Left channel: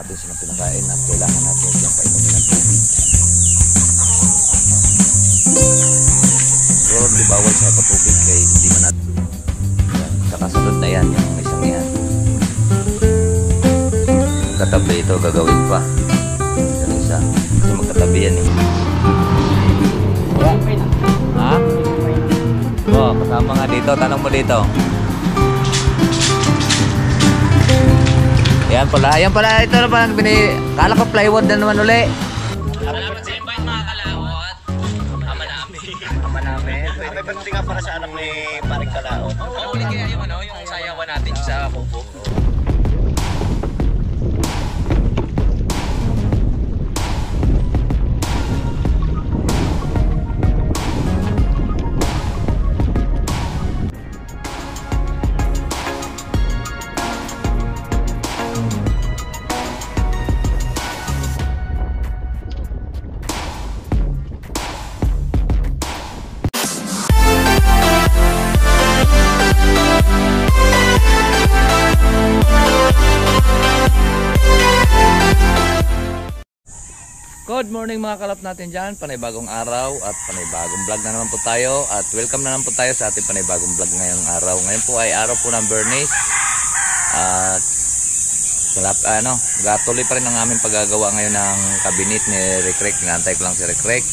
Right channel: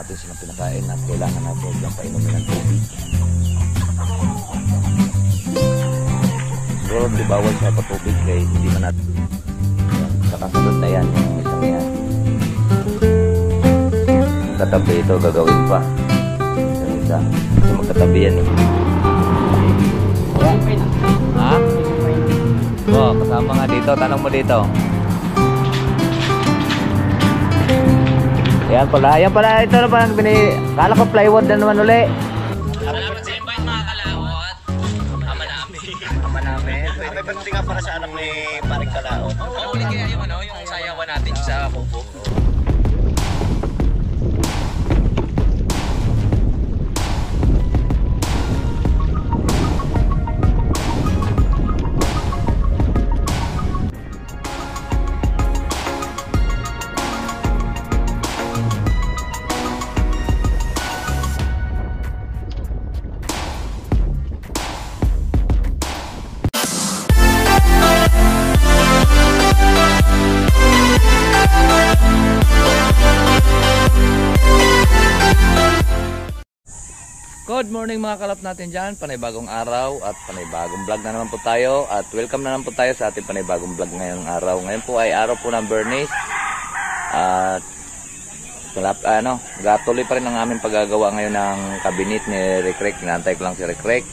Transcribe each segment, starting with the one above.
natin silang pinakain at kailangan natin silang painumin ng tubig. Siguro di bawal sa patubig kaya hindi man natin. Sa kasunod na yan, yung isang yan. Katabi ito gagawin pa. Yung isa, kasi magkatabi yan eh. Ha? Oh, kasama nga dito, tanong mo dito. Yan pala, ito na pa kala ko plywood na naman uli. Salamat sa invite mga kalawot. Ama namin. May pagdating nga para sa anak ni Paring Kalaot. Ano uli kaya yung sayawan natin sa bubog? Good morning mga kalap natin dyan, panibagong araw at panibagong vlog na naman po tayo at welcome na naman po tayo sa ating panibagong vlog ngayong araw. Ngayon po ay araw po ng Bernice at gatuloy pa rin ang aming paggagawa ngayon ng kabinet ni Rikrek. Inaantay ko lang si Rikrek.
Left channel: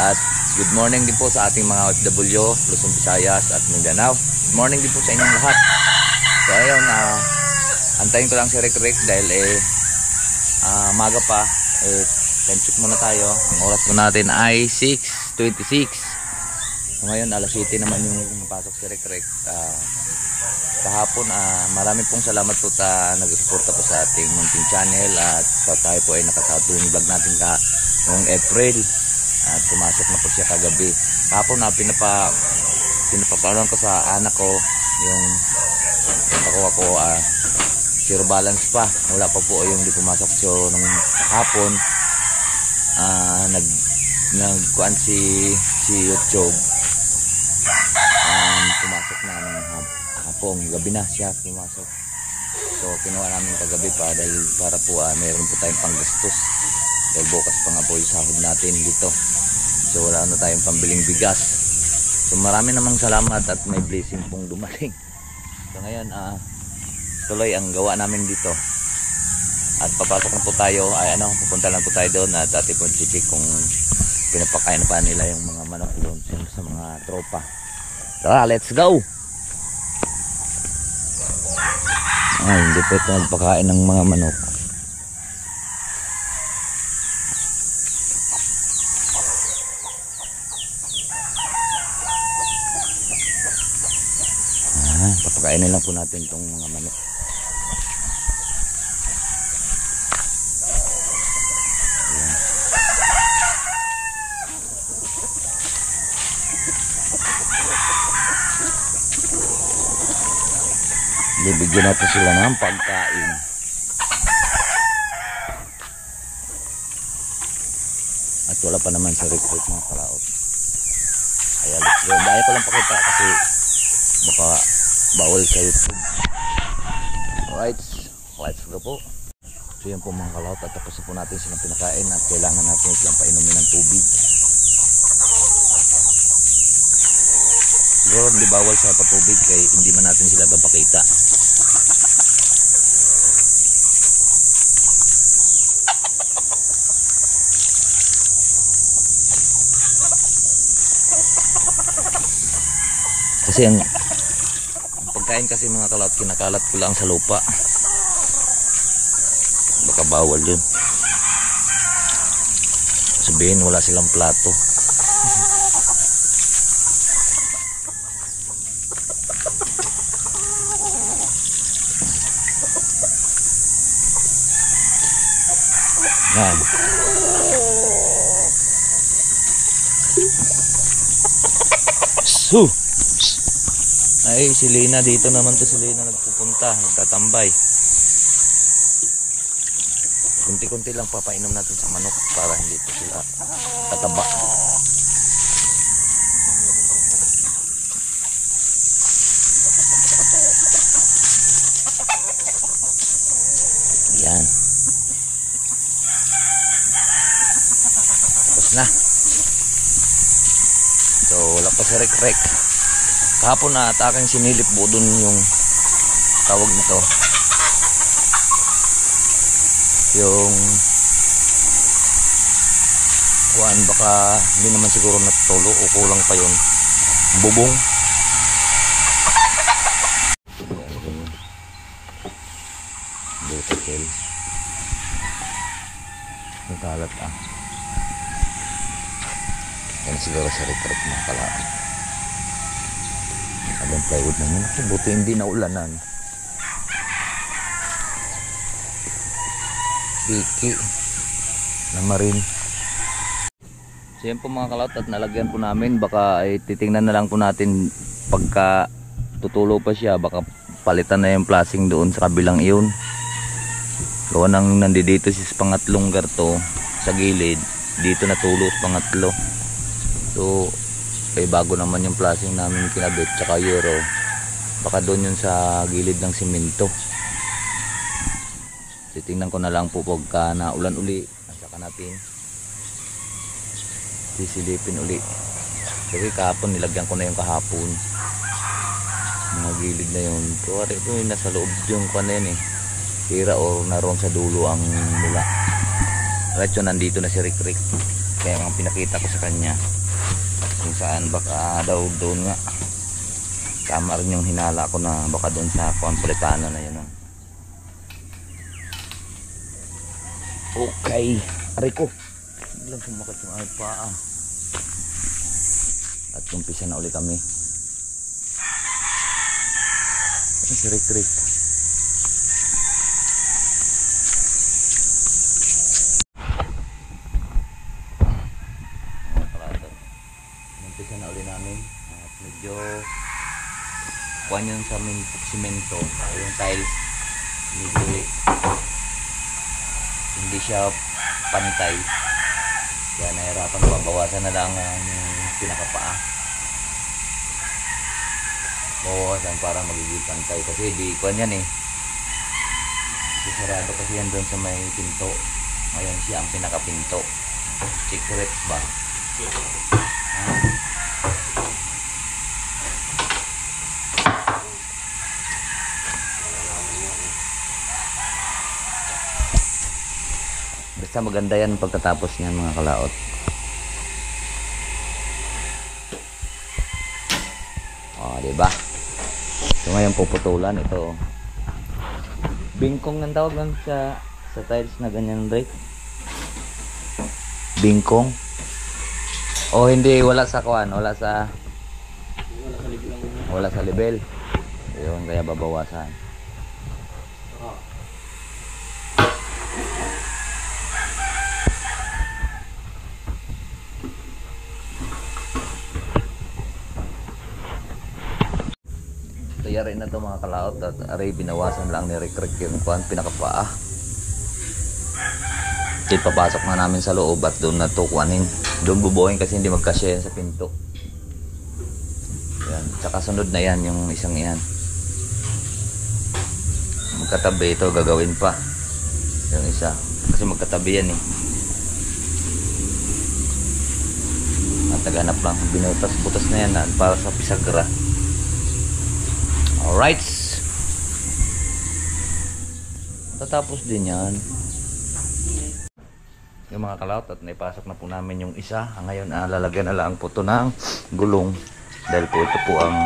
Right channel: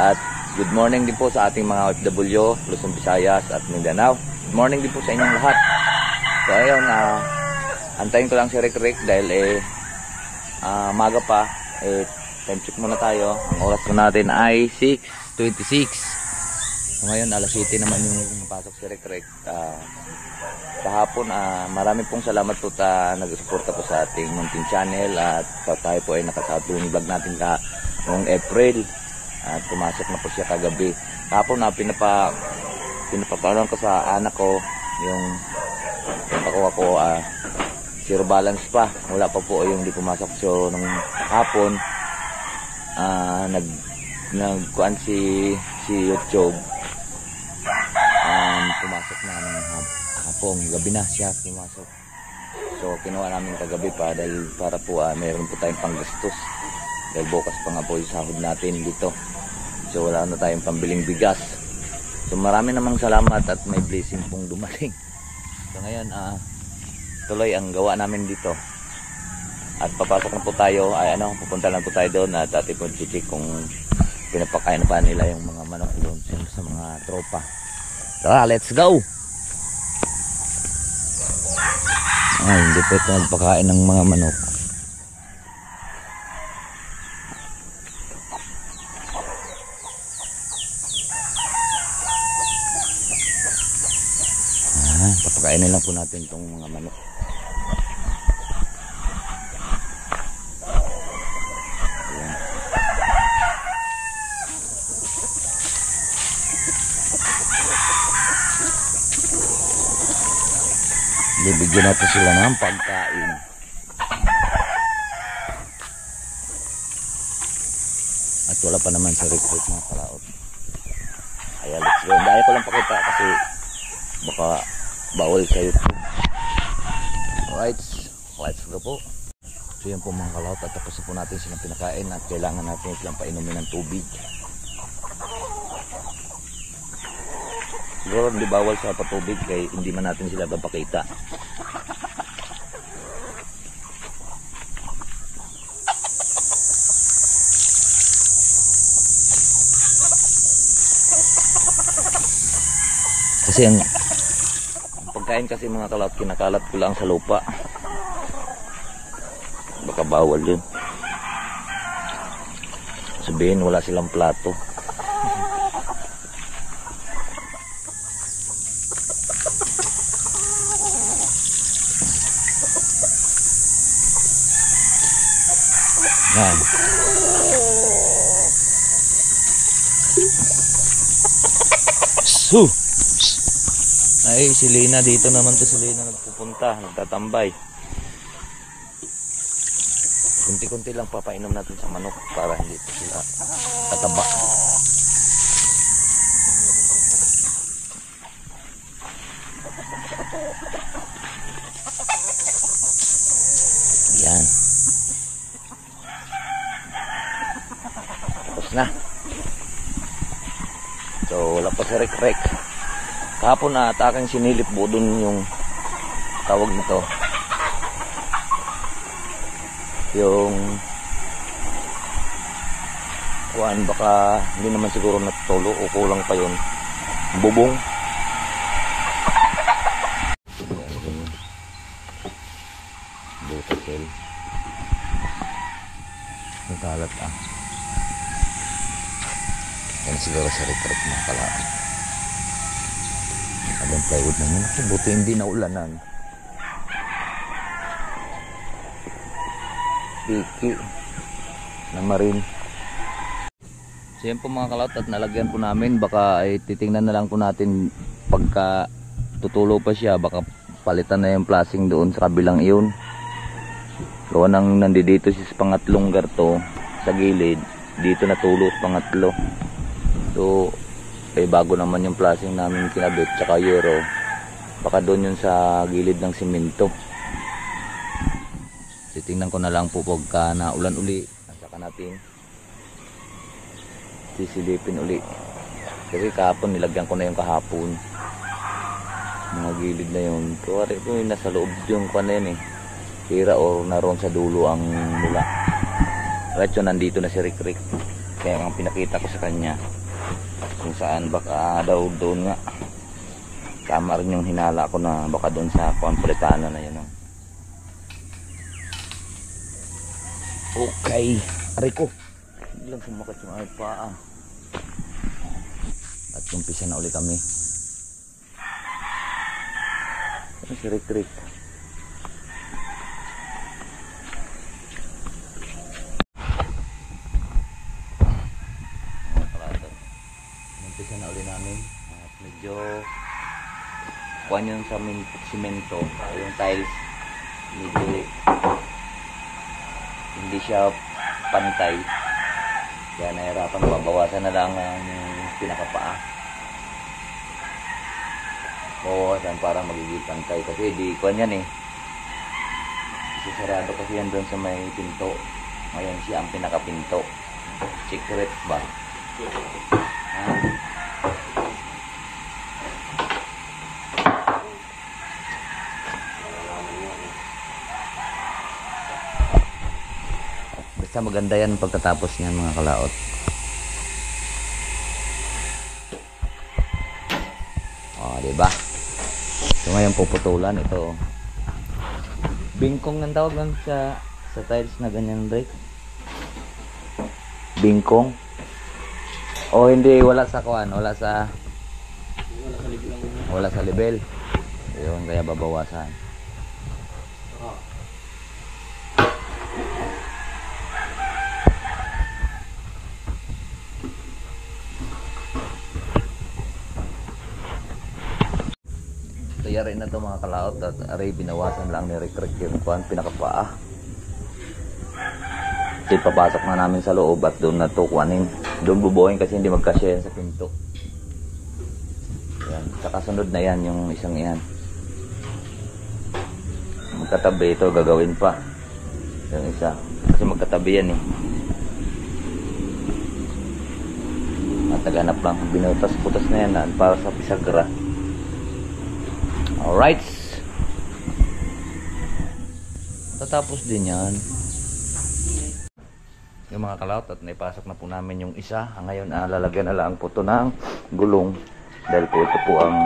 At good morning din po sa ating mga OFW, Luzon, Visayas at Mindanao. Good morning din po sa inyong lahat. So ayun, antayin ko lang si Rikrek dahil maga pa. Time check muna tayo. Ang oras po natin ay 6:26. So ngayon alas 7 naman yung pasok si Rikrek. Kahapon marami pong salamat po nag-suporta po sa ating munting channel at tayo po ay nakasatong vlog natin noong April at pumasok na po siya kagabi. Kahapon pinapaparoon ko sa anak ko yung pakuha ko zero balance pa. Wala pa po yung di pumasok. So nung hapon nagkuan si YouTube pumasok na ng hapong gabi na siya pumasok. So kinuha namin kagabi pa dahil para po mayroon po tayong panggastos dahil bukas pa nga po yung sahod natin dito. So wala na tayong pambiling bigas. So marami namang salamat at may blessing pong dumating. So ngayon tuloy ang gawa namin dito. At papasok na po tayo, pupunta lang po tayo doon at atin po check kung pinapakain pa nila yung mga manok doon sa mga tropa. Tara, let's go! Hindi po ito nagpakain ng mga manok. Papakainin lang po natin itong mga manok. Bibigyan natin sila ng pagkain. At wala pa naman sa recruit mga kalaot. Kaya let's go. Dahil ko lang pakita kasi baka bawal sa YouTube. Alright, let's go po. So yan po mga kalaot at tapos po natin silang pinakain at kailangan natin silang painumin ng tubig. Siguro hindi bawal sa patubig kaya hindi man natin sila gapakita. Kasi ang pagkain kasi mga kalawat kinakalat ko lang sa lupa. Baka bawal yun. Sabihin wala silang plato. Yan. Ay, si Lina dito naman to, si Lina nagpupunta, nagtatambay. Kunti-kunti lang papainom natin sa manok para hindi po sila tataba. Yan. na. So wala pa si Rek. Kahapon na at aking sinilip po dun yung tawag nito, yung kuan, baka hindi naman siguro natulo o kulang pa yun, bubong. Butakil nagkalat yan siguro sa Rek mga kalaan. Abang plywood naman ako, buti hindi naulanan. Biki na marin. So yan po mga kalaot, at nalagyan po namin, baka ay titingnan na lang po natin pagka tutulo pa siya, baka palitan na yung plasing doon sa kabilang iyon. Gawa nang nandito si pangatlong garto sa gilid, dito natulo sa pangatlo. So bago naman yung plasing namin kinabit tsaka yero, baka doon yun sa gilid ng simento. Titingnan ko na lang po pagka naulan uli, at saka natin sisilipin uli. Kasi kahapon nilagyan ko na yung kahapon mga gilid na yun. Kuwari ito yung nasa loob yung kuwan na yun tira o naroon sa dulo ang mula. Right, so nandito na si Rick. Kaya ang pinakita ko sa kanya kung saan, baka daw doon nga tama rin yung hinala ko na baka doon sa Consolitano na yun. Okay, Rico, biglang sumakat yung ay paa at umpisa na uli kami. Ano si Rick? Umpisa na uli namin at medyo kuhan yun sa simento, yung tiles medyo hindi siya pantay, kaya nahirapan, babawasan na lang ang pinakapaa, bawasan para magiging pantay, kasi di kuhan yan sarado kasi yan doon sa may pinto. Ngayon siya ang pinakapinto. Secrets ba? Basta maganda yan pagkatapos niyan mga kalaot. Diba? So ngayon puputulan ito. Bingkong ang tawag lang sa tiles na ganyan, Drake. Bingkong. O hindi, wala sa kuan, wala sa level. Ayun, kaya babawasan. Yari na to mga kalaot, at aray binawasan lang ni Rick yung kuan, pinakapaa. Papasok na namin sa loob at doon na to kuanin. Doon bubuhayin kasi hindi magkasya yan sa pinto. Yan, tsaka sunod na yan yung isang yan. Magkatabi ito, gagawin pa yung isa kasi magkatabi yan at naghanap lang, binutas-butas na yan para sa pisagra. Alright, tatapos din yan yung mga kalaot, at naipasok na po namin yung isa. Ngayon lalagyan na lang po ito ng gulong, dahil po ito po ang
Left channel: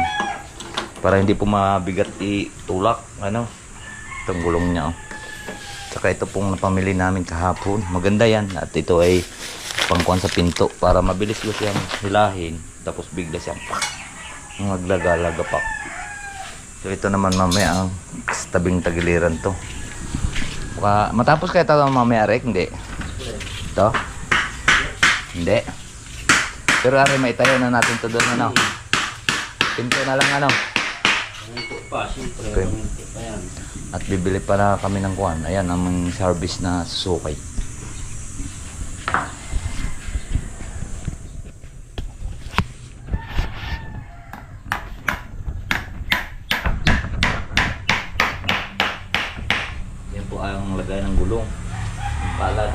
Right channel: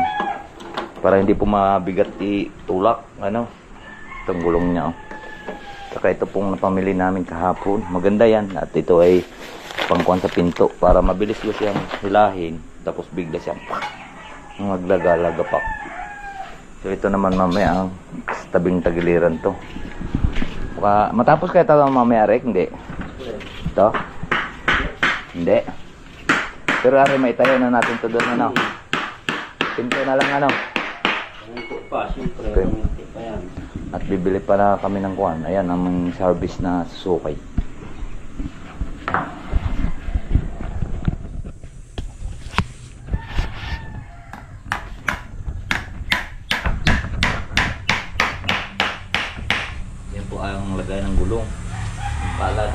para hindi po mabigat itulak itong gulong niya. Saka ito pong napamili namin kahapon, maganda yan, at ito ay pangkuhan sa pinto para mabilis ko siyang hilahin, tapos bigla siyang maglagalaga. So ito naman mamaya ang tabing tagiliran to. Matapos kaya ito mamaya, Rick? Hindi. Ito? Hindi. Pero ari maitayo na natin ito doon. Pinto na lang Okay. At bibili pa na kami ng kuwan. Ayan ang service na susukay. Ang lagay ng gulong, yung palad.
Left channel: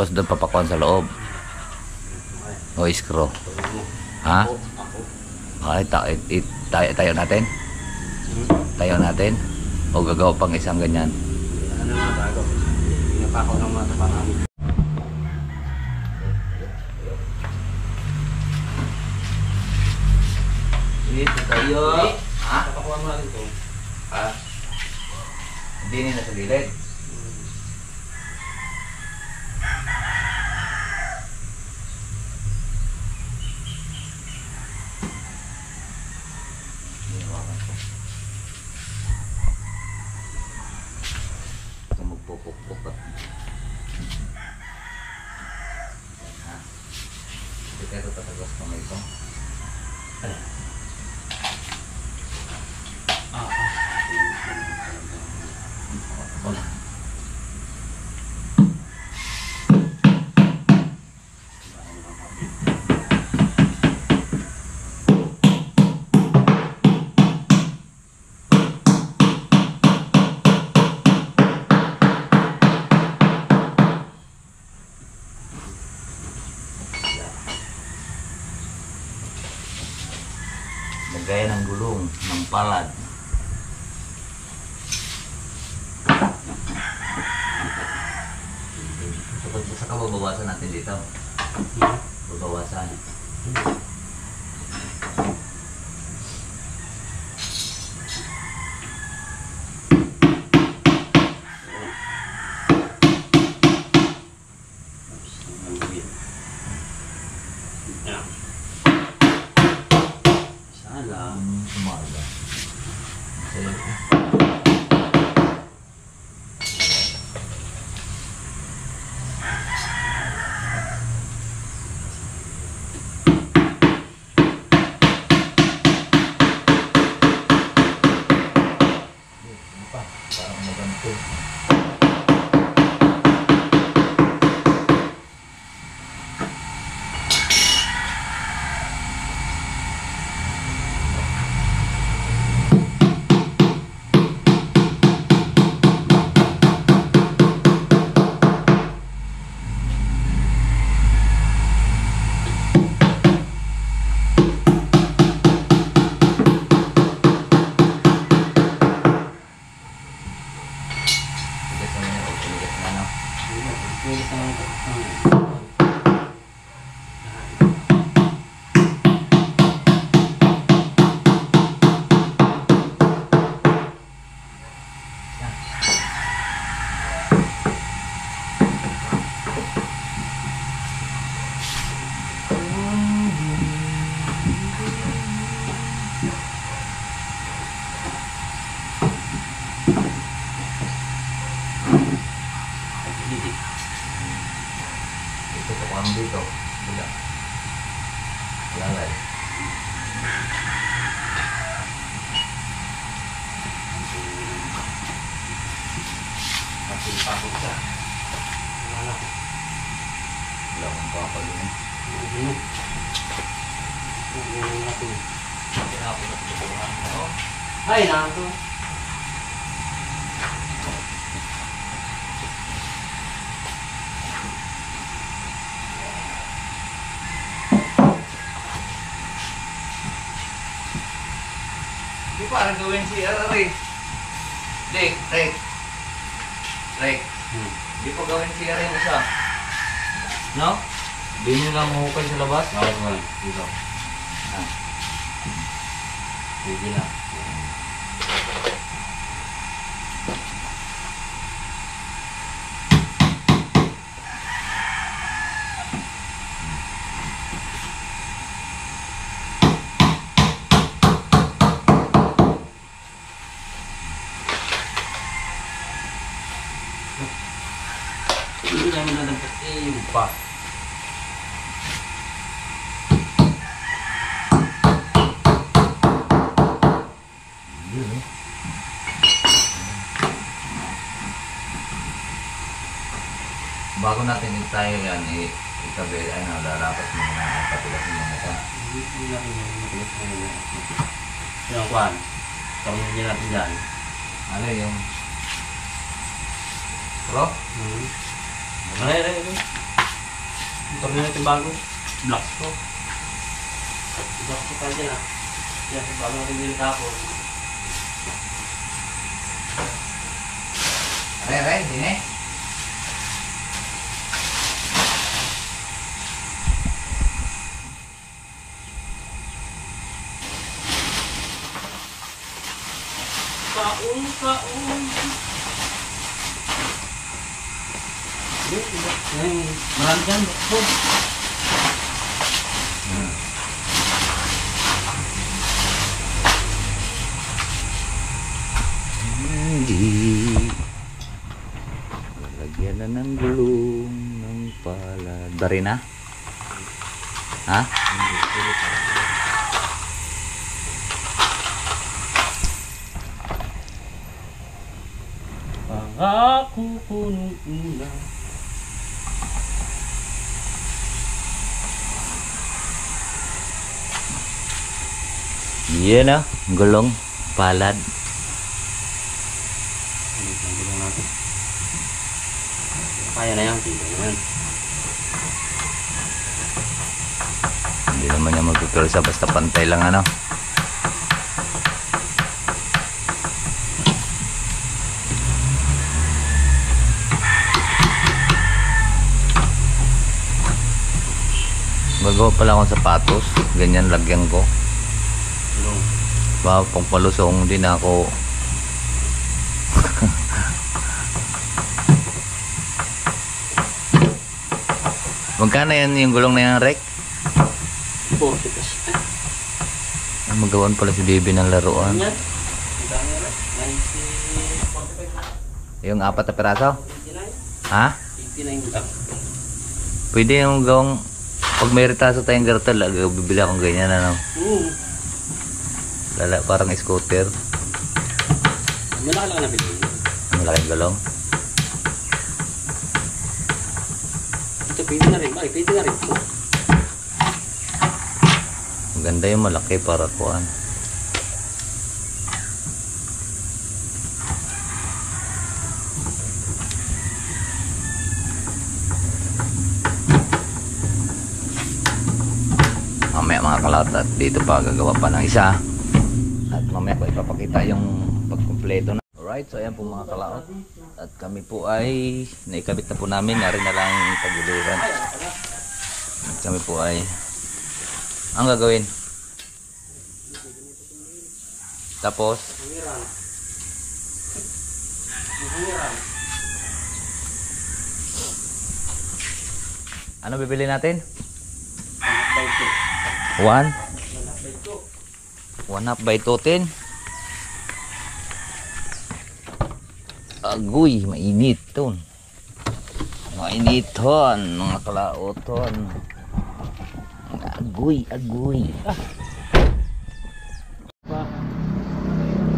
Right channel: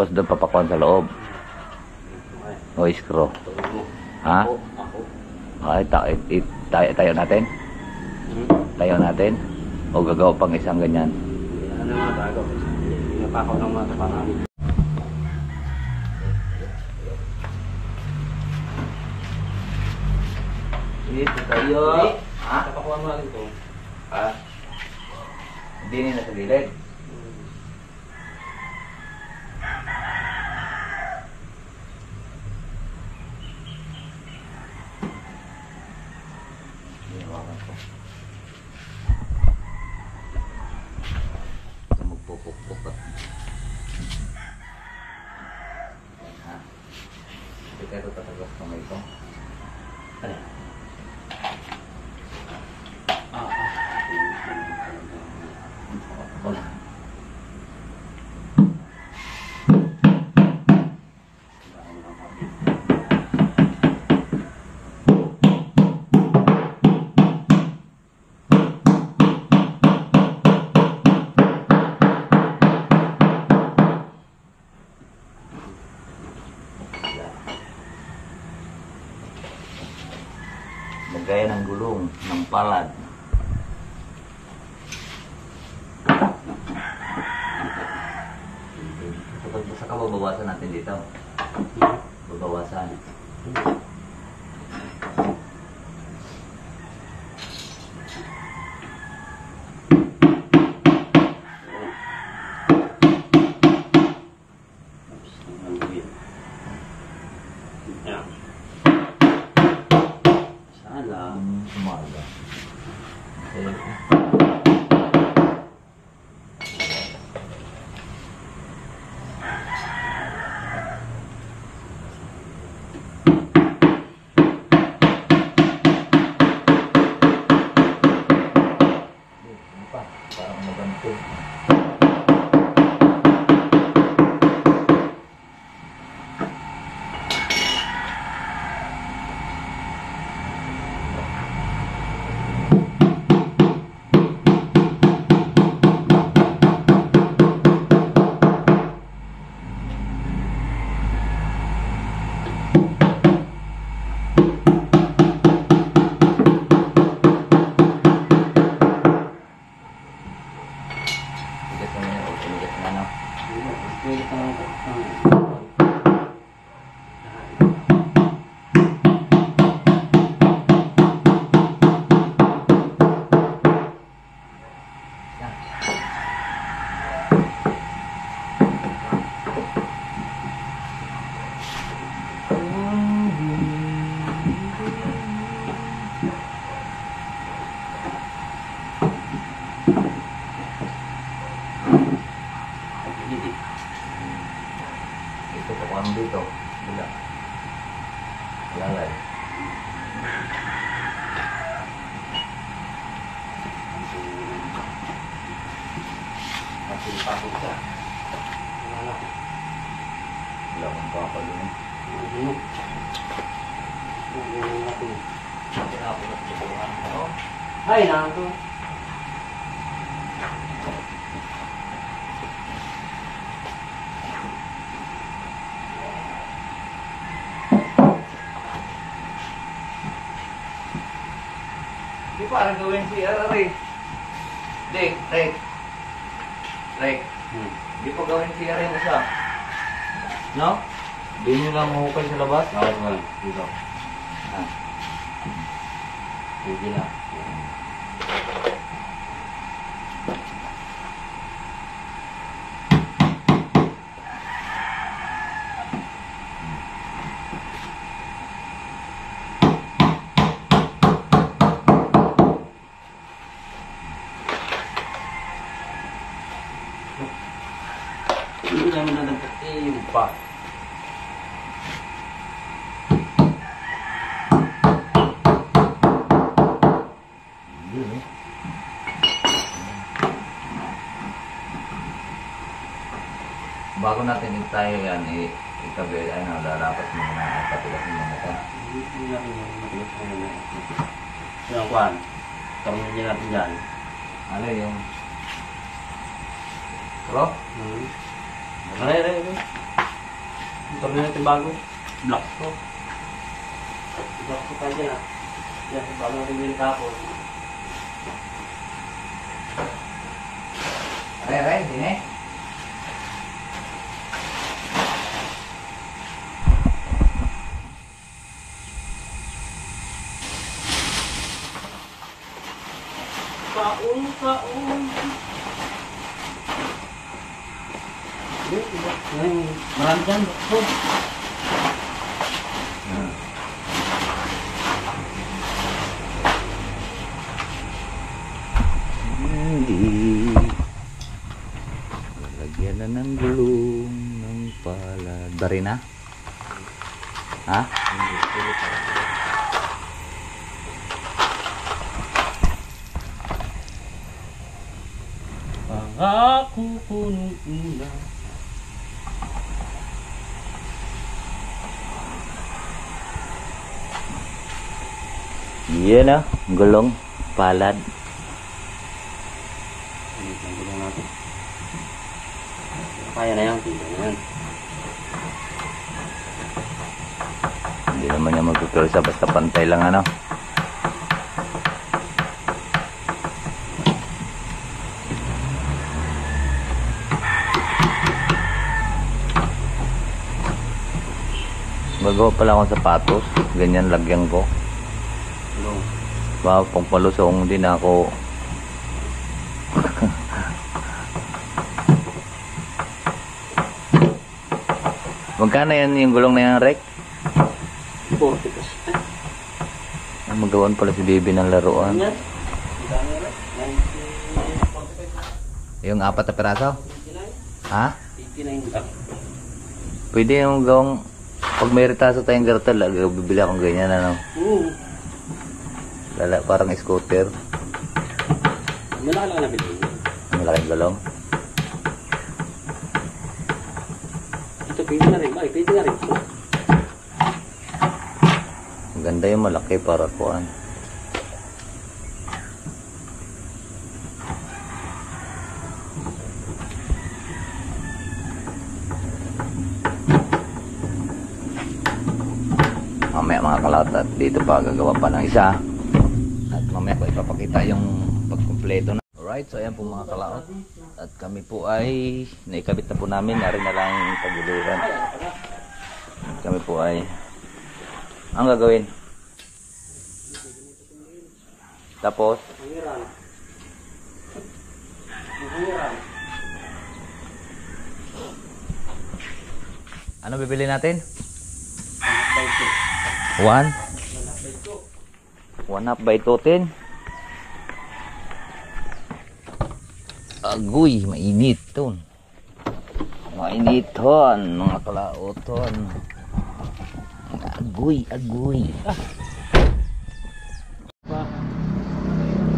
Tapos doon papakuan sa loob. O screw. Ha? Okay, tayo natin. Tayo natin. O gagawa pang isang ganyan. Ano nga bago? Pinapakaw ng mga kapangami. Dito tayo. Ha? Papakuha mo natin ito. Ha? Hindi nila sa gilid. Ito magpupukpuk ka. Ha? Ito ito tatagos ko ito. Lagay ng gulong ng palad. Saka babawasan natin dito. Babawasan. Sumala. Parang maganto. Ito po kami dito. Bila. Lalay. Masih pakot siya. Wala akong papalun. Ay, nato. Di parang gawin si Ray. Dek, Ray. Ray. Di pa gawin si Ray isa. No? Di nyo lang mahukay sa labas? Bakit mo lang? Dito. Ah. Sige na. Hindi namin nadagdag yung pa. Bago natin itayo yan, itabi, ay na, lalapat mo na patilasin mo na ito. Hindi natin yung matigas na yun. Yung kwan. Tarungin niya natin dyan. Ano yung... Pro? Ay. Motor na natin bago. Black ko. Black ko tayo dyan ah. Yan, bago natin yung tapos. Re, sini. Kaun. Marami dyan. Hindi. Lalagyan na ng gulong ng palad. Dari na? Ha? Pangako ko nung una. Yan na. Gulong. Palad. Ang gulong natin. Kaya na yan. Tignan na yan. Hindi naman niya magpipirsa basta pantay lang ano. Magawa pala akong sapatos. Ganyan lagyan ko. Gulong. Baka pang palusong din ako. Magkano yan yung gulong na yan, Rek? 40 pesos. Magawan pala si Baby ng laruan. Yan. Yung 4 na piraso? 89. Ha? 89 lang. Pwede yung gawang pag may retaso tayong gartel, bibili akong ganyan ano. Lala, parang scooter. Malaki lang na bilhin. Malaking gulong. Ito pwede na rin. Bakit? Pwede na rin. Maganda yung malaki para kuan. Mamaya mga kalawat at dito pa gagawa pa ng isa. At mamaya ko ipapakita yung pagkumpleto na. Alright, so ayan po mga kalawat. At kami po ay naikabit na po namin. Narin na lang yung pagduluran. At kami po ay ang gagawin. Tapos ano bibili natin? 1 1/2 by 2 10. Agoy, mainit ton. Mainit ton, mga kalaoton. Agoy.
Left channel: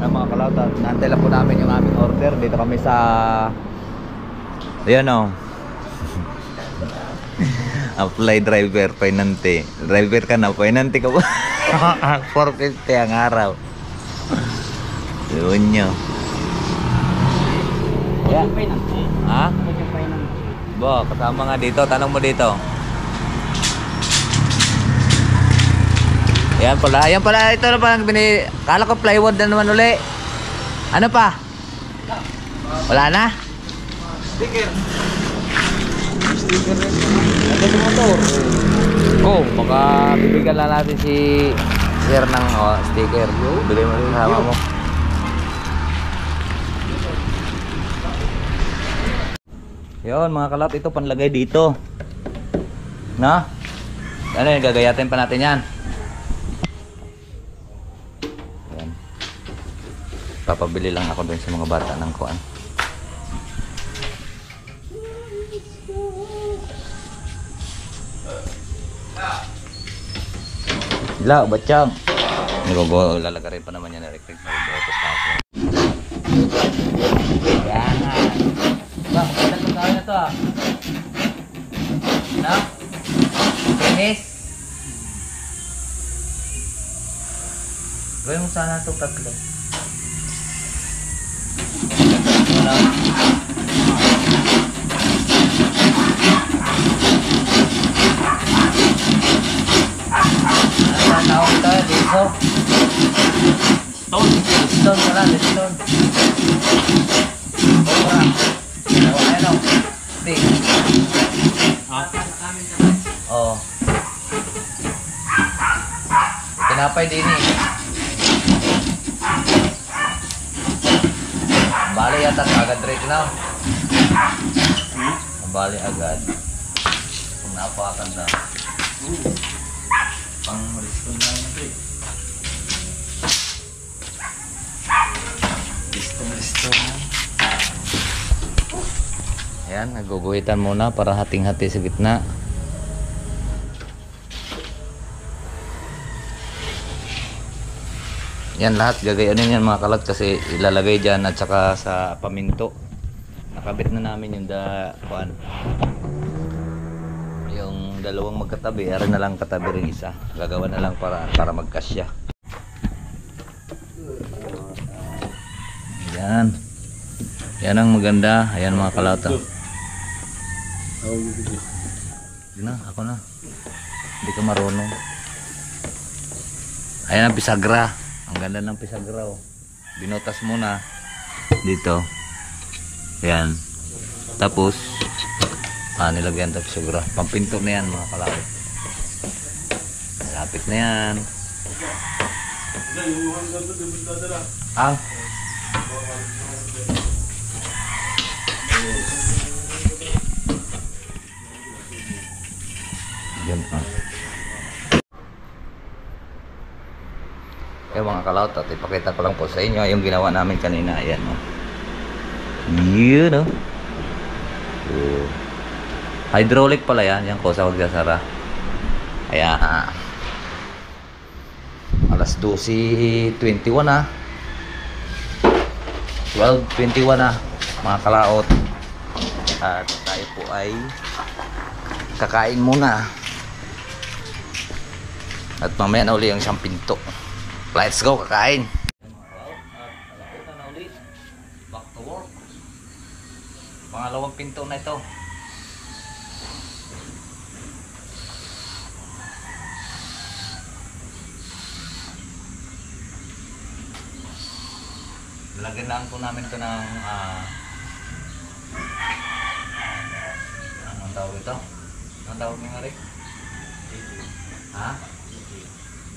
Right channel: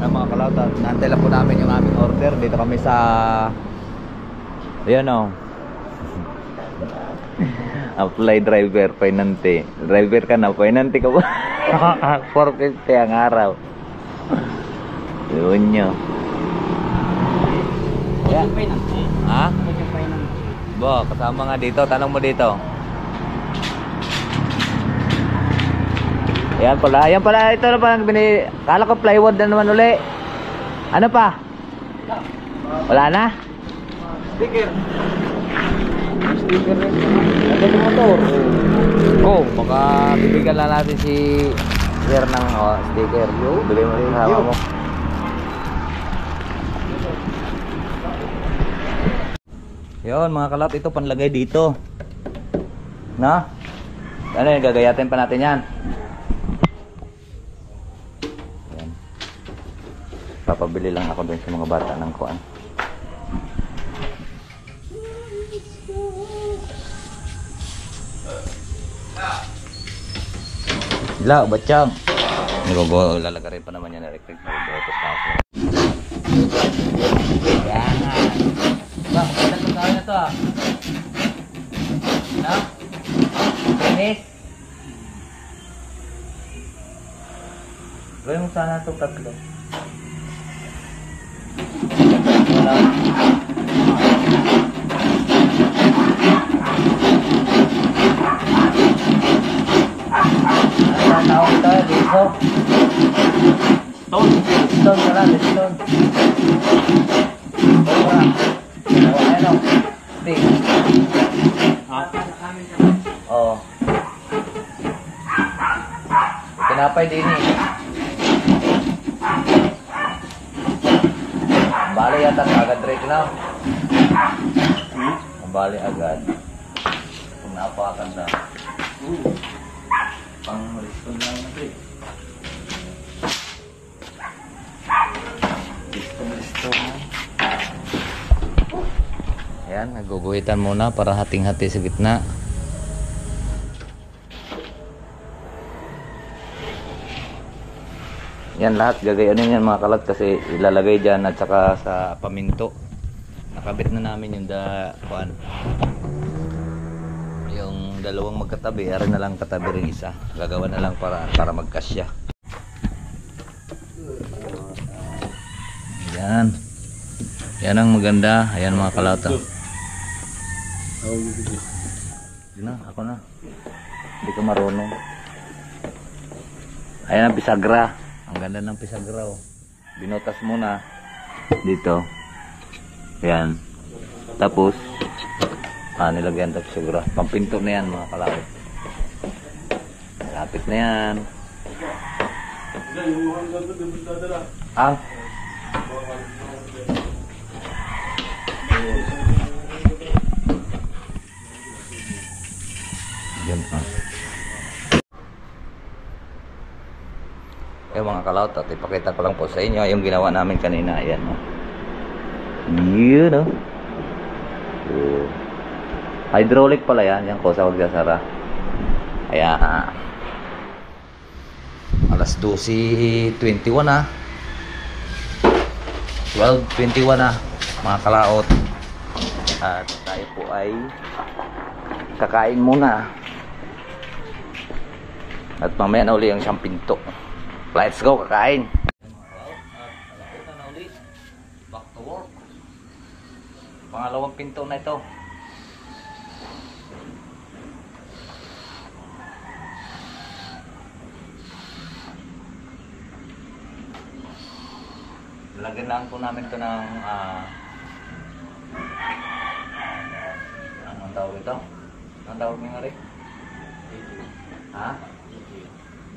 Mga kalautan, naantay lang po namin yung aming order. Dito kami sa ayan o. Apply driver, painante. Driver ka na, painante ka ba? 450 ang araw. Yun nyo. Yeah. Ha? Bo, kasama nga dito. Tanong mo dito. Ayan pala. Ito na parang kala ko plywood na naman uli. Ano pa? Wala na? Sticker rin. Ano yung motor? Baka bibigyan lang natin si Sir ng sticker. Bili mo rin hawa mo. Yun mga kalap, ito panlagay dito. Na? Ano yun, gagayatin pa natin yan. Yan. Papabili lang ako dun sa mga bata ng kuan. Ila, batsyang. Lalagarin pa naman yan na electric. Mag-autos na ako. Yan. Ba, magandang tawin na to ah. No? Finish? Gawin mo sana ito tatlo. Wala. Stone. Stone ka lang, stone. Cobra. Ano? Hindi. Ha? Oo. Tinapay din eh. Bali yata agad rin na. Bali agad. Kung napakan na. Pang restone lang na ito eh. Restone. Ayan, naguguhitan muna para hating-hati sa gitna. Yan lahat gagayanin yan mga kalat kasi ilalagay dyan at saka sa paminto. Nakabit na namin yung yung dalawang magkatabi, ara na lang katabi rin isa. Gagawa na lang para magkasya. Yan. Yan ang maganda. Ayan mga kalata. Hindi na, ako na. Hindi ka marunong. Ayan ang bisagra. Ang ganda ng pisagra oh. Binotas muna dito. Ayan. Tapos nilagyan ng pisagra. Pampinto na yan mga kalawit. Lapit na yan. Ang yan ah. Mga kalawit at ipakita ko lang po sa inyo yung ginawa namin kanina. Ayan o. Yun o. Hydraulic pala yan. Yan ko sa magsasara. Ayan. Alas 12:21 na. 12:21 na mga kalaot. At tayo po ay kakain muna. At mamaya na uli ang siyang pinto. Let's go, kakain. Alauna na ulit. Back to work. Pangalawang pinto na ito. Lagyan lang po namin ito ng anong tawag ito? Anong tawag nga rin? Ha?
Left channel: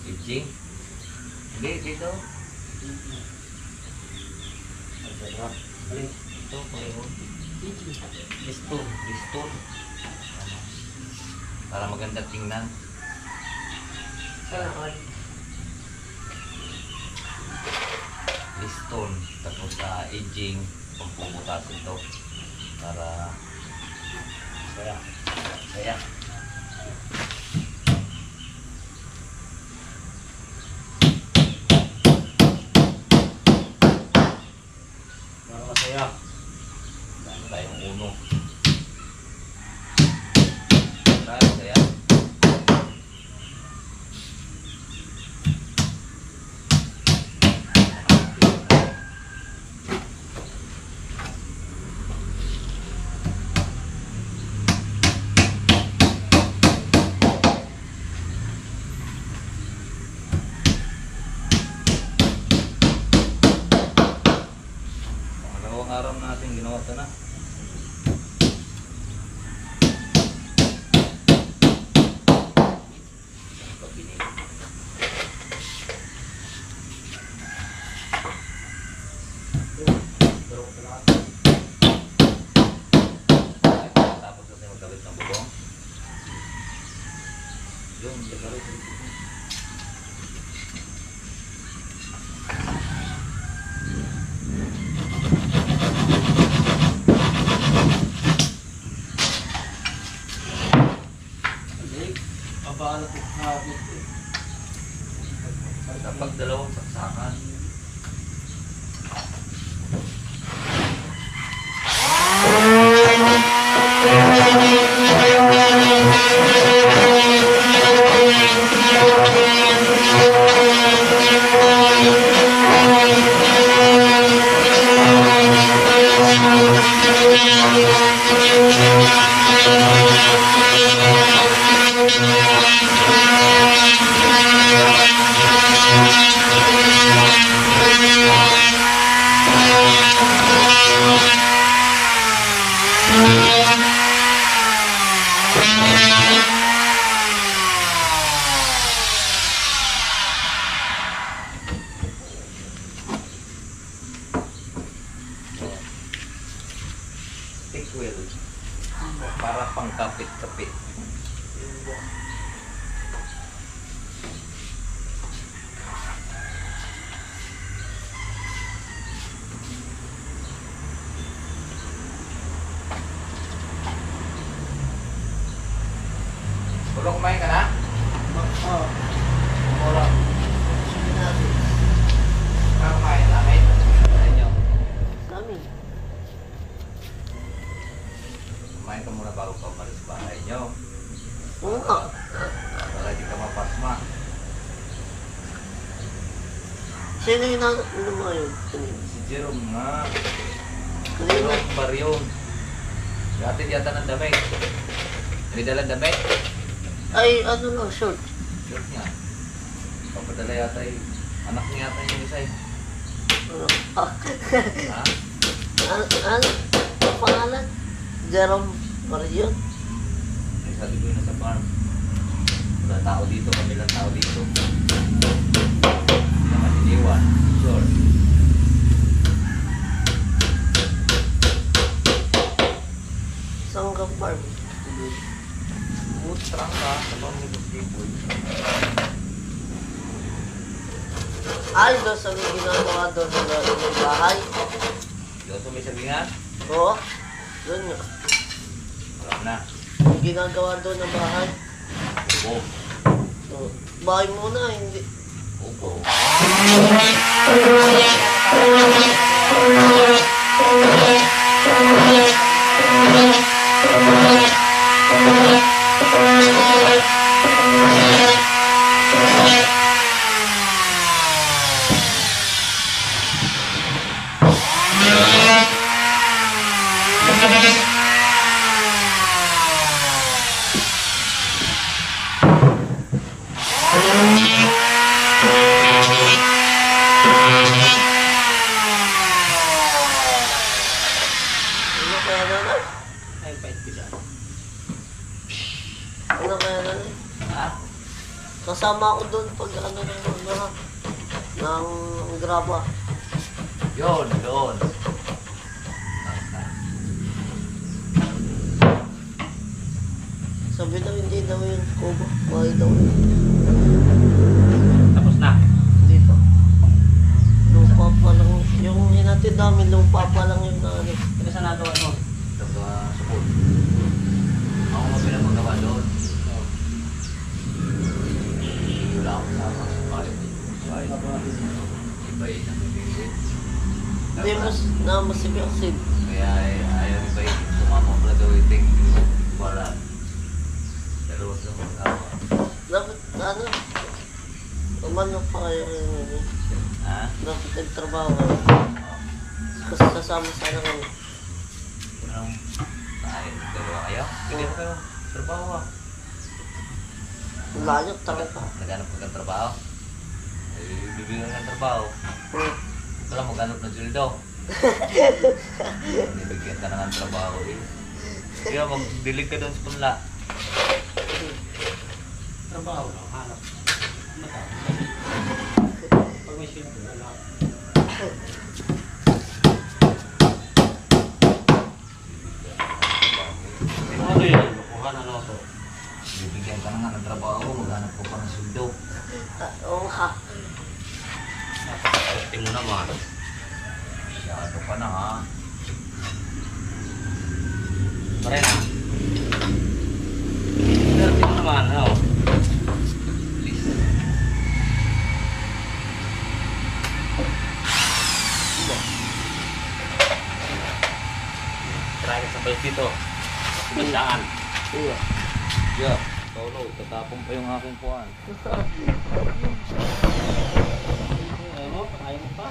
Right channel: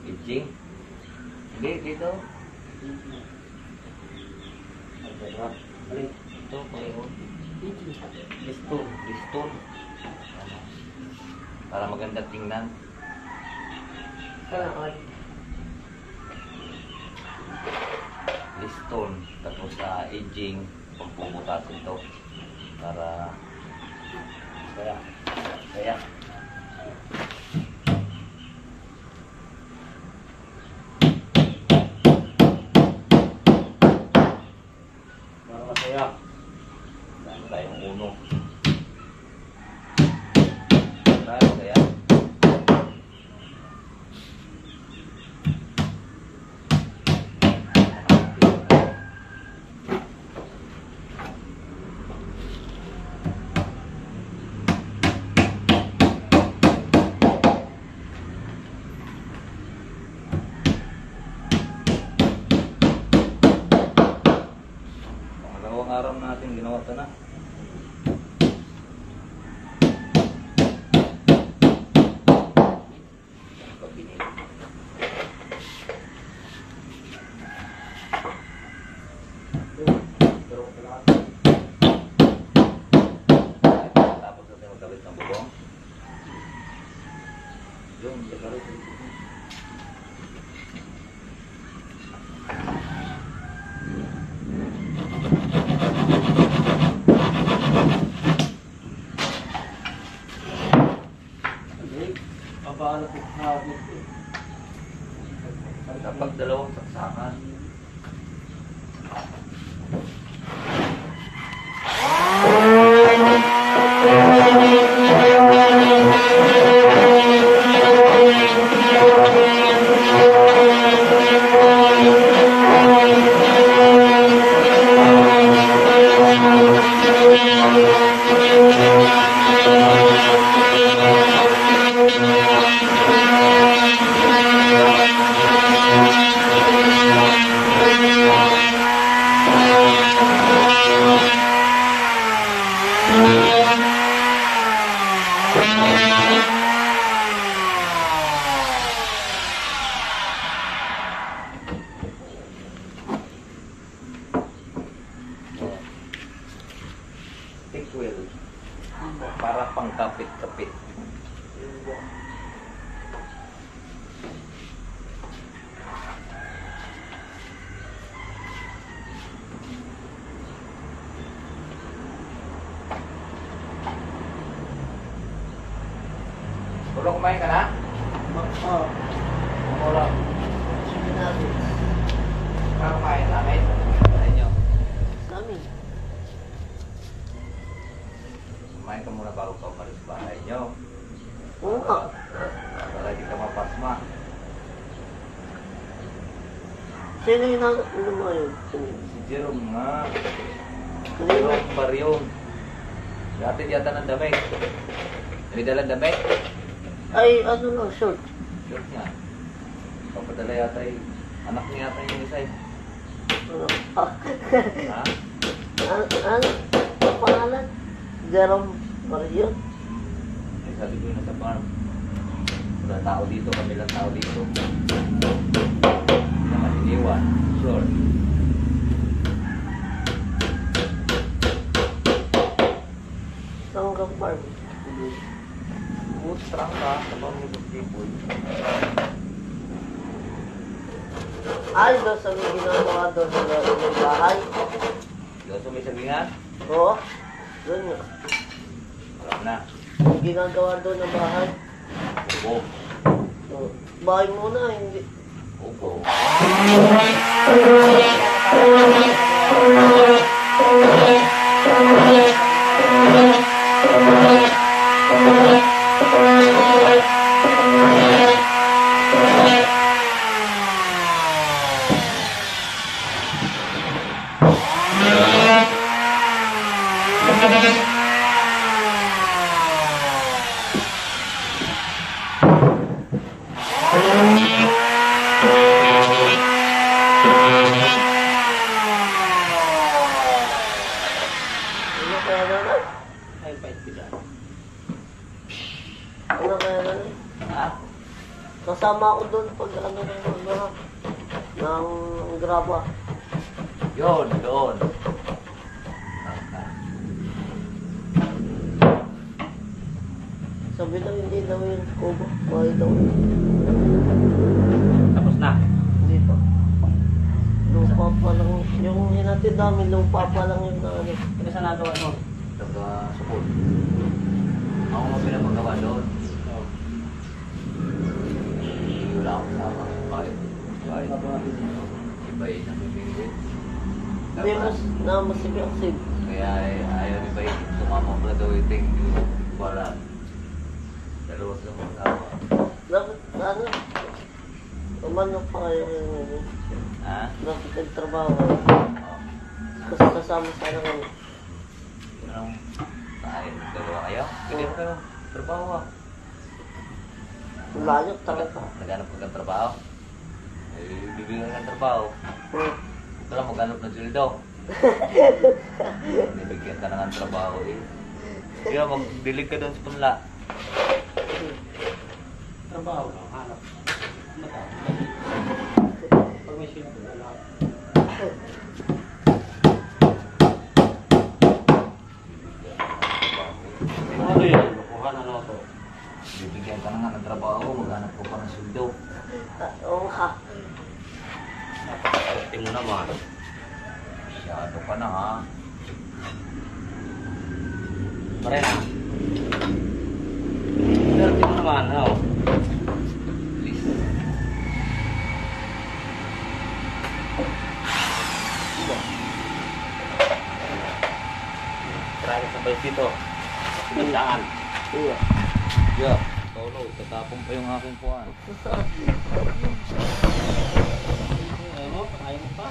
Aging? Hindi, dito. Ito, pareho. Liston. Para maganda tingnan. Liston. Tapos aging. Pagpuputasin ito. Para saya. Masaya. Dami tayong uno. Saya. Pangalawang araw natin ginawa ito na. Tapos natin magkabit ng bubong. Yung magkabit ng bubong. Pabaala ko hapon. Dapat dalawang saksakan. pangkapit-kapit. Ulo, kumain ka na? Oo. Ulo. Sige natin. Kumain namin. Sa inyo. Kami. Kumain ka muna bago ka umalis sa bahay nyo. Oo nga. Para di ka mapasma. Sino yung ano mo yun? Si Jerome nga. Kanina. Jerome Baryon. Dati yata ng damit. May dalang damit. Ay, ano lang, short. Short nga. Papadala yata anak niya yata yung isa eh. Ano? Ah, Ha? ano? Ang pangalan? Jerome Marion. Ay, sabi ko yun nasa farm. Wala tao dito, kami lang tao dito. Hindi naman iniwan. Short. Saan ka farm? Putrang ka sa pamilibos tipoy. Ay, doon sa may ginagawa doon sa bahay. Doon sa may sabingan? Oo. Doon nga. Wala na. Ginagawa doon ng bahay. Ubo. So, bahay muna, hindi. Ubo. Ano kaya nanay? Ay, pait ko dyan. Ano kaya nanay? Ha? Kasama ako doon pag ano ng graba. Yun, doon. Sabi daw hindi daw yung kubo. Bahay daw. Tapos na. Hindi pa. Lupa pa lang. Yung hinatid namin, lupa pa lang yung ano. Ano sa nagawa mo? Taga sukul. Ako mo pinapagawa doon. Wala akong sama sa kahit. Kahit. Iba yun ang bibigit. Hindi mas na masibyaksib. Kaya ayaw iba yun. Sumama ko na daw iting. Wala. Dalawa sa mga awa. Dapat ano? Umano pa kayo yung ano. Ha? Dapat nagtrabaho kayo. Kasi kasama sana kami. Anong tayo? Dalawa kayo? Pwede mo kayo. Trabaho ah. Layo talaga. Naghanap ka ng trabaho? Eh, bibigyan ka ng trabaho. Ito lang maghanap ng sildo. Nibigyan ka na ng trabaho eh. Kaya magdilig ka doon sa punla. Trabaho lang, hanap. Pag may silbo, wala. Ano yun? Kuha na ano to? Bibigyan ka na nga ng trabaho, maghanap ko pa ng sildo. Oo nga. Napaka-testing mo naman. Masyado ka na ha. Pare na. Testing mo naman, ano? Please. Try ka sa balik dito. Pindaan. Iya. Yeah, solo. Tatapon pa yung aking puwan. Ayaw mo, pakain mo pa.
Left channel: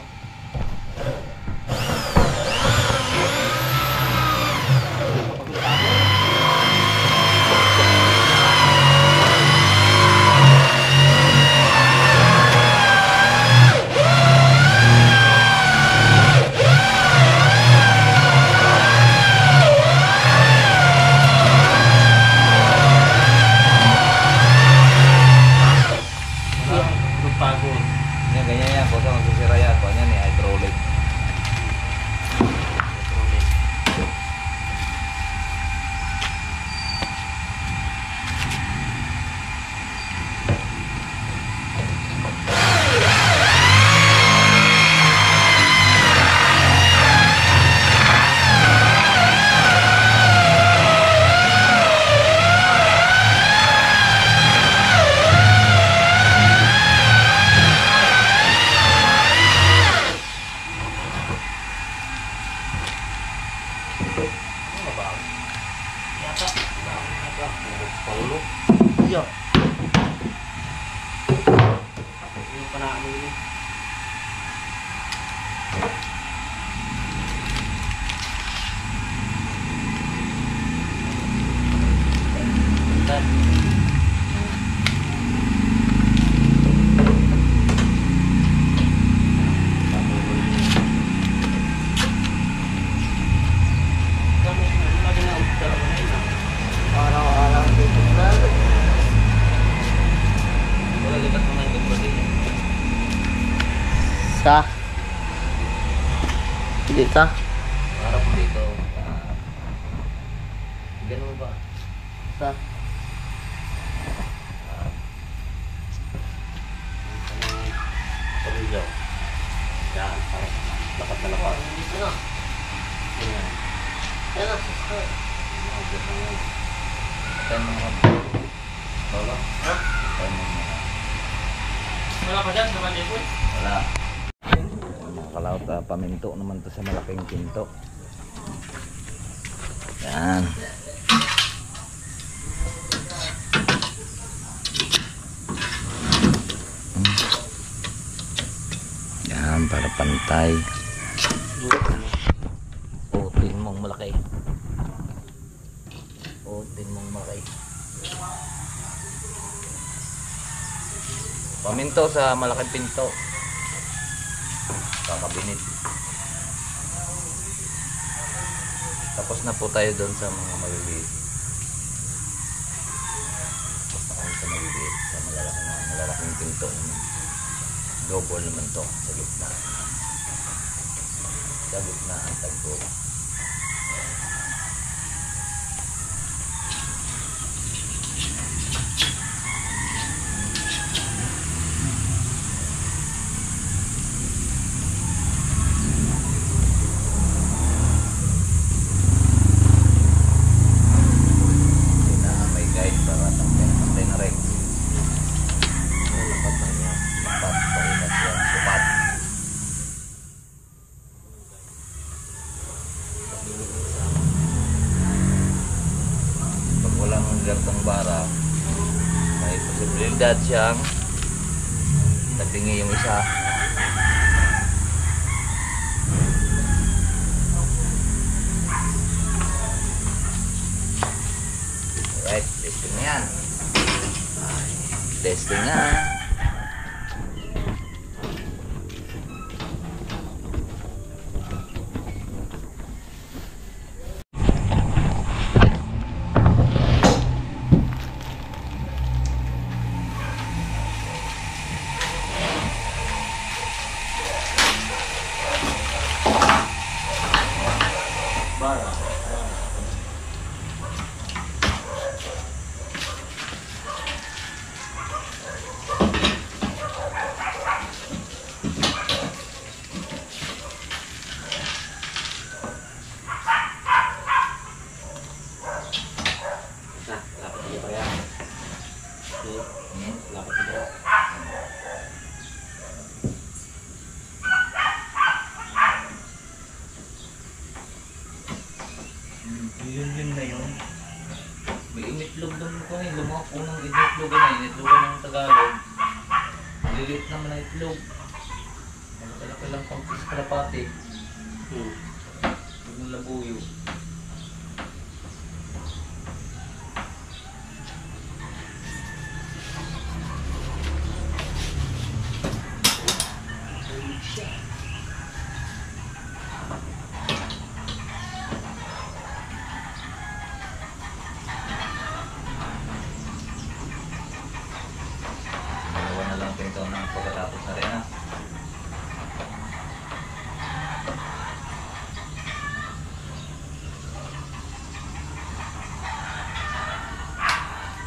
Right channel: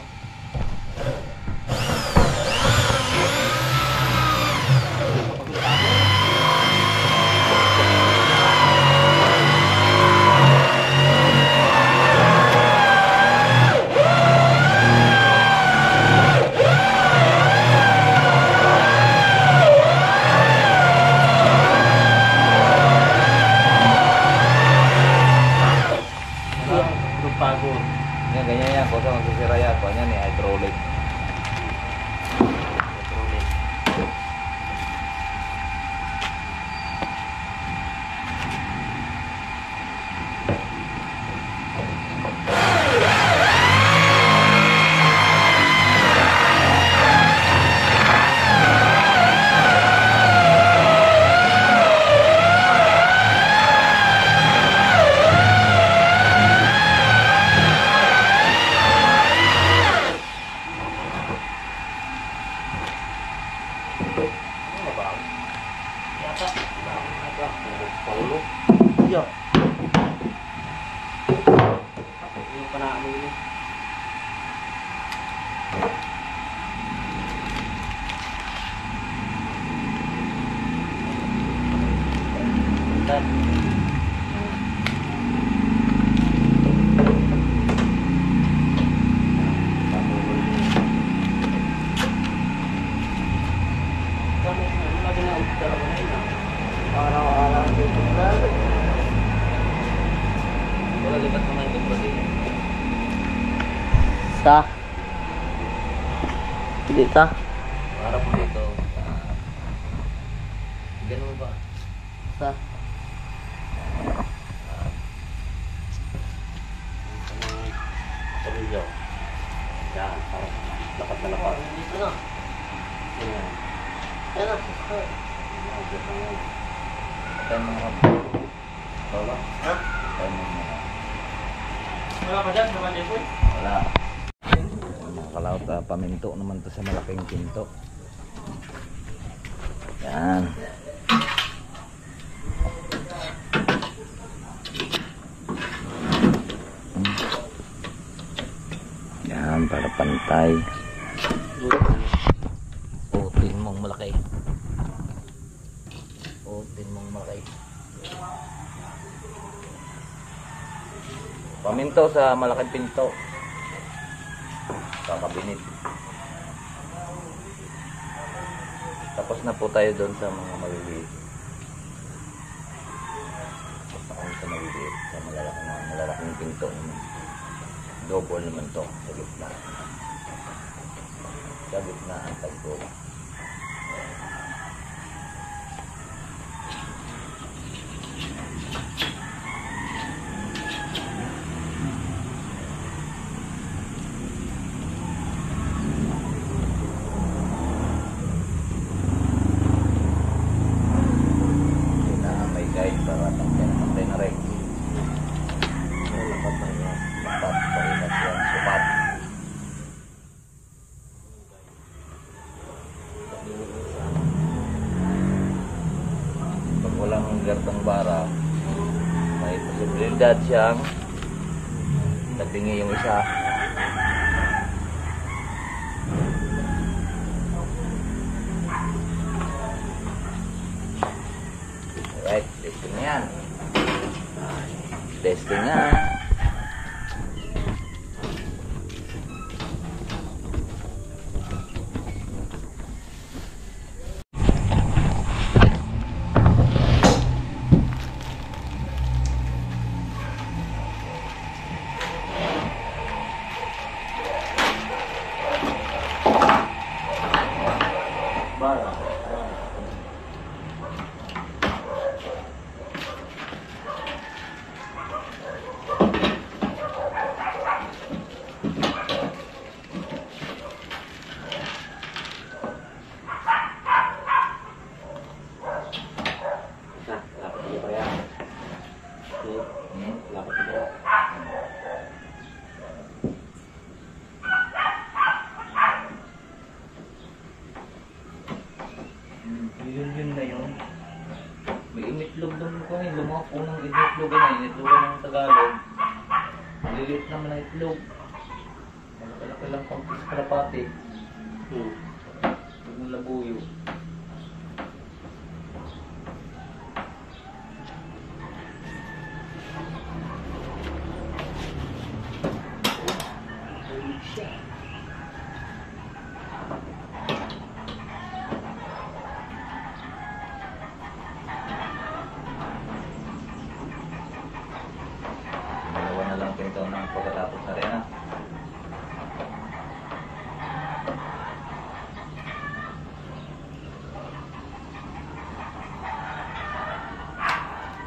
Yan, ganyan yan. Kung saan magsisira yan. Kung yan eh, Hindi ka. Harap mo dito. Ganun ba? Sa. Pamilyo. Yan, para lapat na lapat. Ano? Yan. Ano? Tayo mo naman. Lolo? Ha? Tayo mo naman. Wala ka dyan, naman din po. Wala. Mga kalaot, paminto naman to sa malaking pinto. Yan. Yan, para pantay. Putin mong malaki. Putin mong malaki. Paminto sa malaking pinto. Kakabinit. Tapos na po tayo doon sa mga maliliit. Tapos na kami sa maliliit. Sa malalaking pinto naman. Double naman to sa gitna. Sa gitna ang tagpo. May guide para tangkay na rin. Lapat na yan. Lapat, painas yan. Supat. Pag walang gartong bara, may posibilidad siyang tabingi yung isa. Alright, testing na yan. Testing na. Yun na yun. May initlog doon ko ngayon. Lumaki po ng initlogan na. Initlogan ng Tagalog. Lilit naman na itlog. Malaki lang pang kalapati. Huwag mong labuyo. Dalawa na lang pinto ng pagkatapos na rin ha.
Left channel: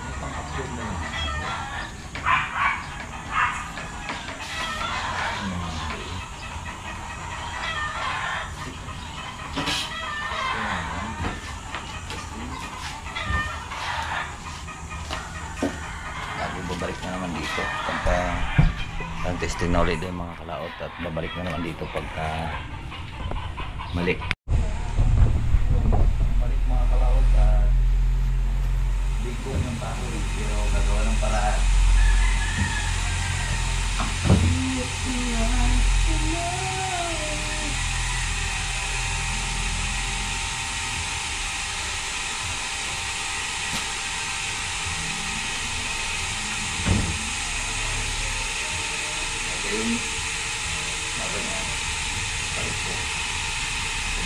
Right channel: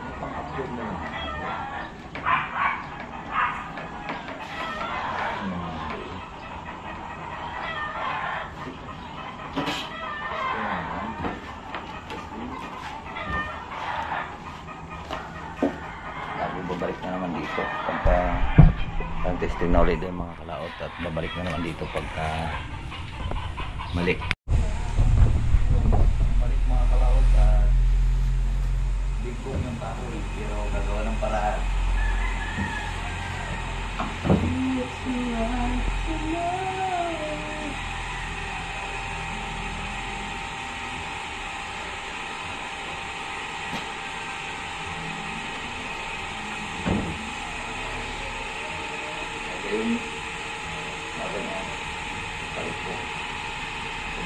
May pang-upload na yun. Lagi babalik na naman dito pagka ang testing na ulit yung mga kalaot at babalik na naman dito pagka mali. Balik mga kalaot at bigong yung kahoy pero gagawa ng paraan. Okay, maganyan. Balik po.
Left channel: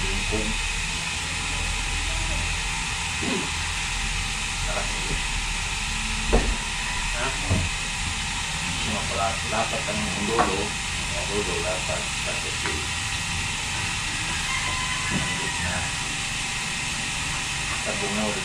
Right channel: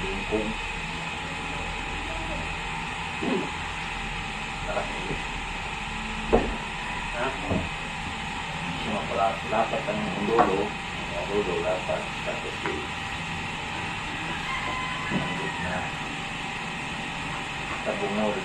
Bingkong. Nakasili. Ha? Lapat ang dulo. Ang dulo, lapat. Tapos sa bungol.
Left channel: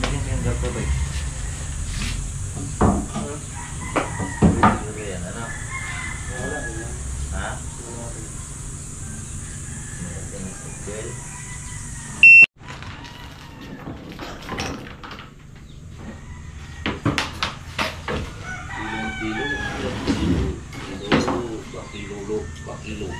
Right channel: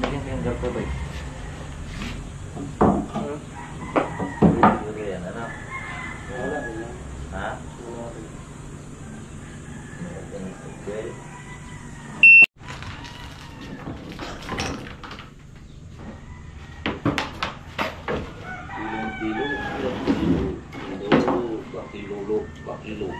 Bigyan kayong gato ba eh? Siguro yan, ano? Wala rin yan. Ha? Wala rin. Well, Kilo, bakilo.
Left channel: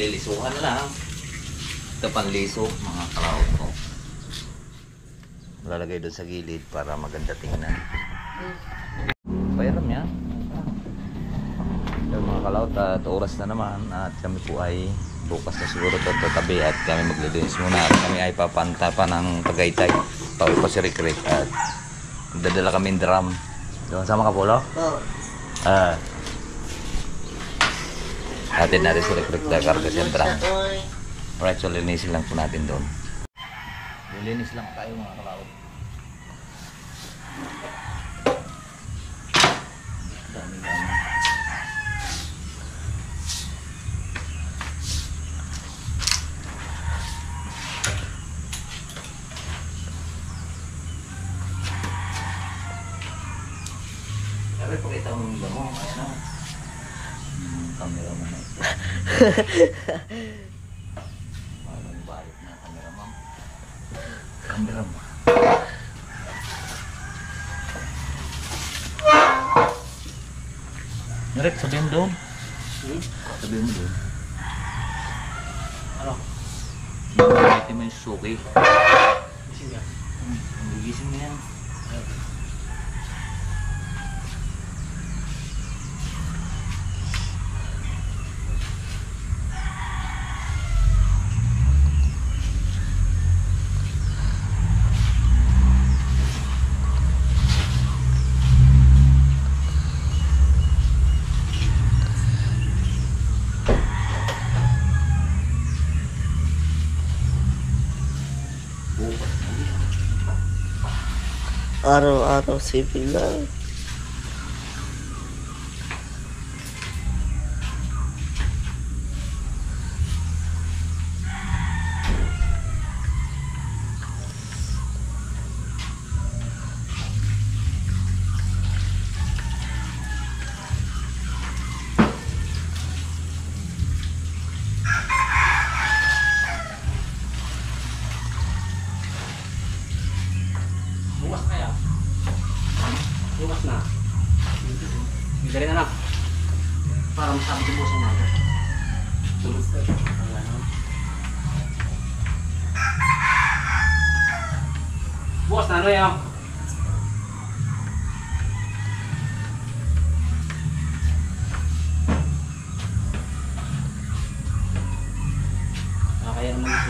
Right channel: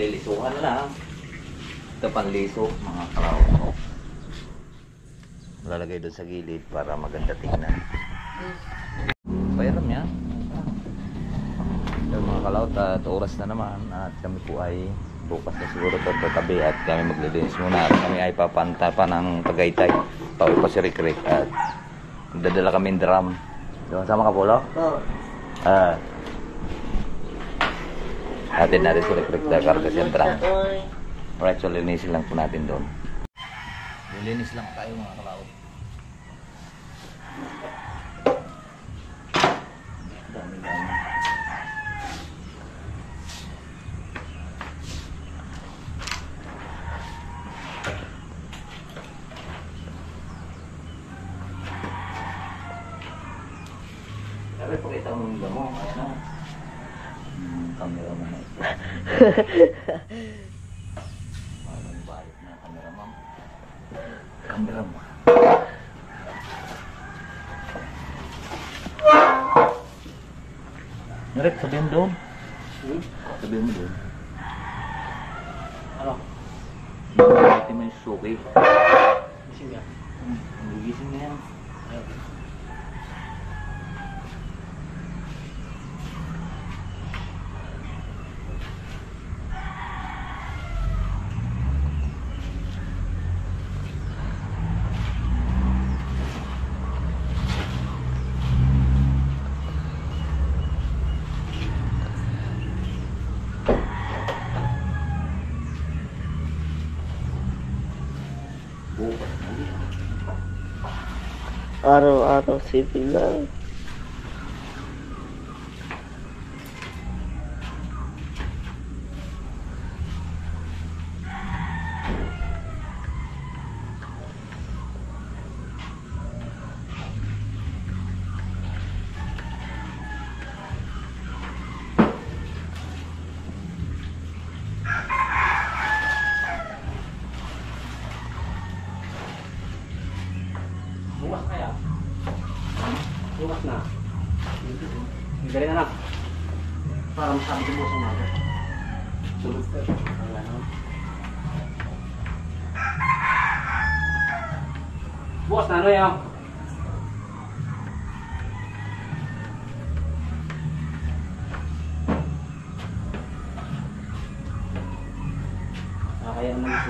lilisuhan na lang. Ito panliso, mga kalaw. Lalagay doon sa gilid para maganda tingnan. Pairam yan. Yung mga kalaw, at oras na naman at kami po ay bukas na siguro ito tatabi at kami maglilinis muna at kami ay papanta pa ng Tagaytay. Pauwi pa si Rick at dadala kami drum. Doon sama ka, Polo? Oo. Atin natin si Rick na karga siya drum. Alright, so linisin lang po natin doon. Lilinis lang tayo mga kalaw. Dami. Sabi, pakita mo yung damo. Ayan na. Camera mo na ito. Parang balik na camera mo. Camera mo. Narek, sabihin mo doon. Sabihin mo doon. Ano? Ito mo yung suki. Gising ka? Nagising na yan. Bukas na yan. Araw-araw sipil lang. Bukas na yan. Bukas na. Dali na lang. Para masabi ko sa mga. Tulog ka. Bukas na ano yan? Kaya naman ito.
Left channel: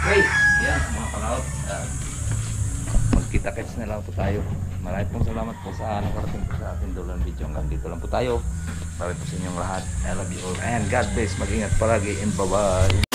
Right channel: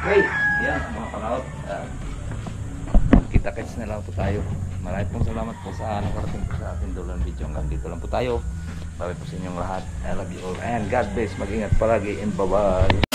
Okay, yan mga kalaot. Kita-kits na lang po tayo. Maraming pong salamat po sa nakarating po sa ating dulang video. Hanggang dito lang po tayo. Bye po sa inyong lahat. I love you all and God bless. Mag-ingat palagi and bye-bye.